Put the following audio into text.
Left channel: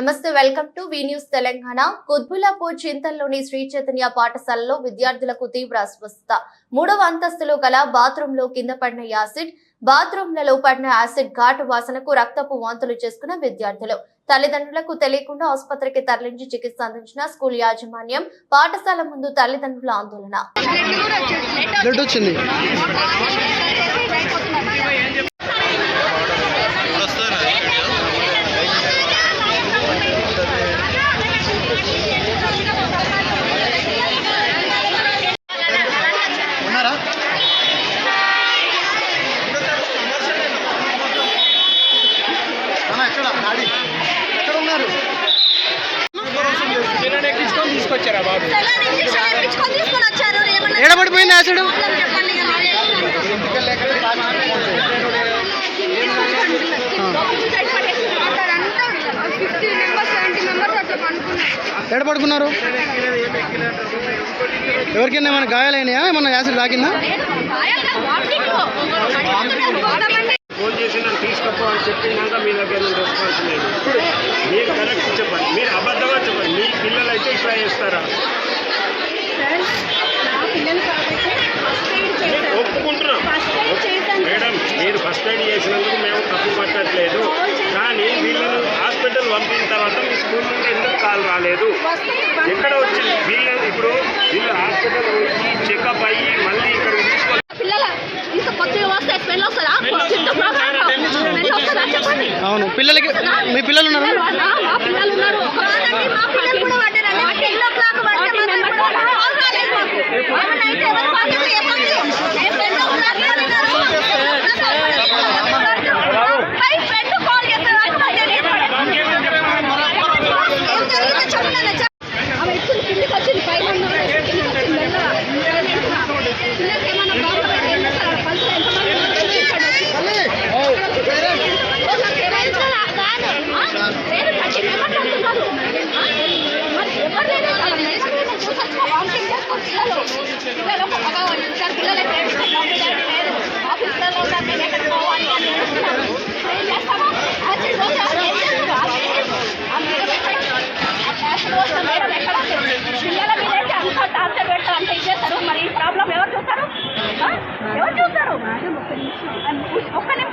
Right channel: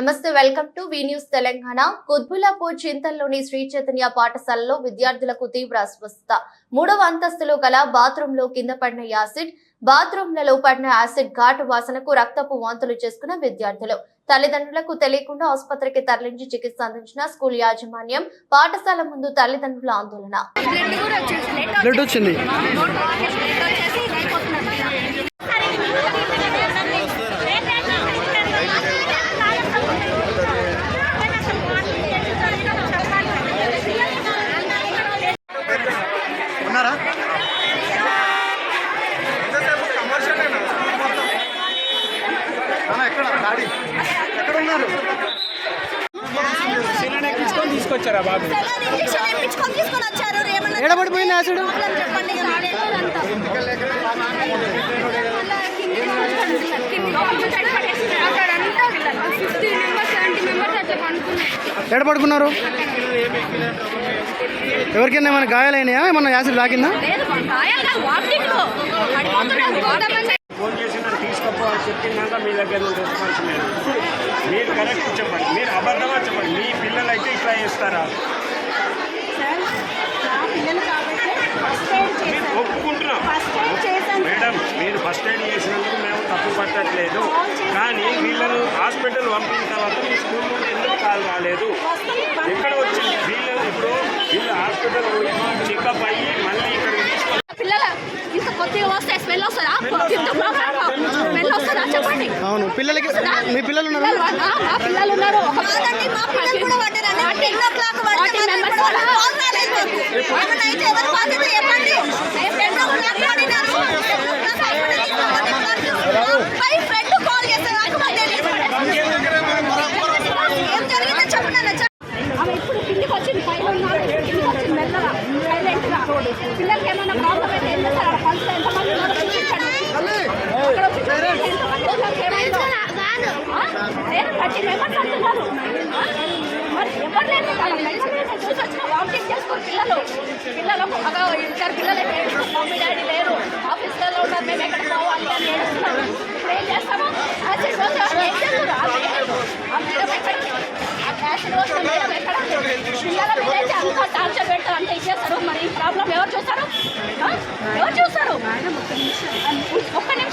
నమస్తే, welcome to V news Telangana. Qutbullapur చింతల్లోని శ్రీ చైతన్య పాఠశాలలో విద్యార్థులకు తీవ్ర అస్వస్థత. 3వ అంతస్తులో గల బాత్రూంలో కింద పడిన యాసిడ్, బాత్రూంలలో పడిన యాసిడ్ ఘాటు వాసనకు రక్తపు వాంతులు చేసుకున్న విద్యార్థులు. తల్లిదండ్రులకు తెలియకుండా ఆసుపత్రికి తరలించి చికిత్స అందించిన స్కూల్ యాజమాన్యం. పాఠశాల ముందు తల్లిదండ్రుల ఆందోళన. ఏడబడిపోయింది యాసిడ్. ఎక్కడ పడుకున్నారు? ఎవరికైనా ఏమైనా గాయాలైనాయా? ఏమన్నా యాసిడ్ తాకిందా? ఫోన్ చేసి నన్ను తీసుకపో అని చెప్పినాక మీ దగ్గర రెస్పాన్స్ లేదు. మీరు కరెక్ట్ చెప్పండి, మీరు అబద్ధంగా చెప్పండి. మీ పిల్లలు అయితే ఇట్లా చేస్తారా? ఒప్పుకుంటున్నాం మేడం, మీరు ఫస్ట్ ఎయిడ్ చేసినందుకు మేము తప్పు పట్టట్లేదు. కానీ వీళ్ళను హాస్పిటల్ పంపిన తర్వాత మీ స్కూల్ నుండి ఎందుకు కాల్ రాలేదు? ఎక్కడ వచ్చింది? వీళ్ళు హాస్పిటల్ పోయి చెకప్ అయ్యి మళ్ళీ ఇక్కడికి తీసుకోవాలి. అవును, పిల్లలకి మీ పిల్లలు ఉన్నారు? అంటే ఇచ్చేస్తారు. మరి ఈ ప్రాబ్లం ఎవరు చూస్తారు? ఒక్క నిమిషం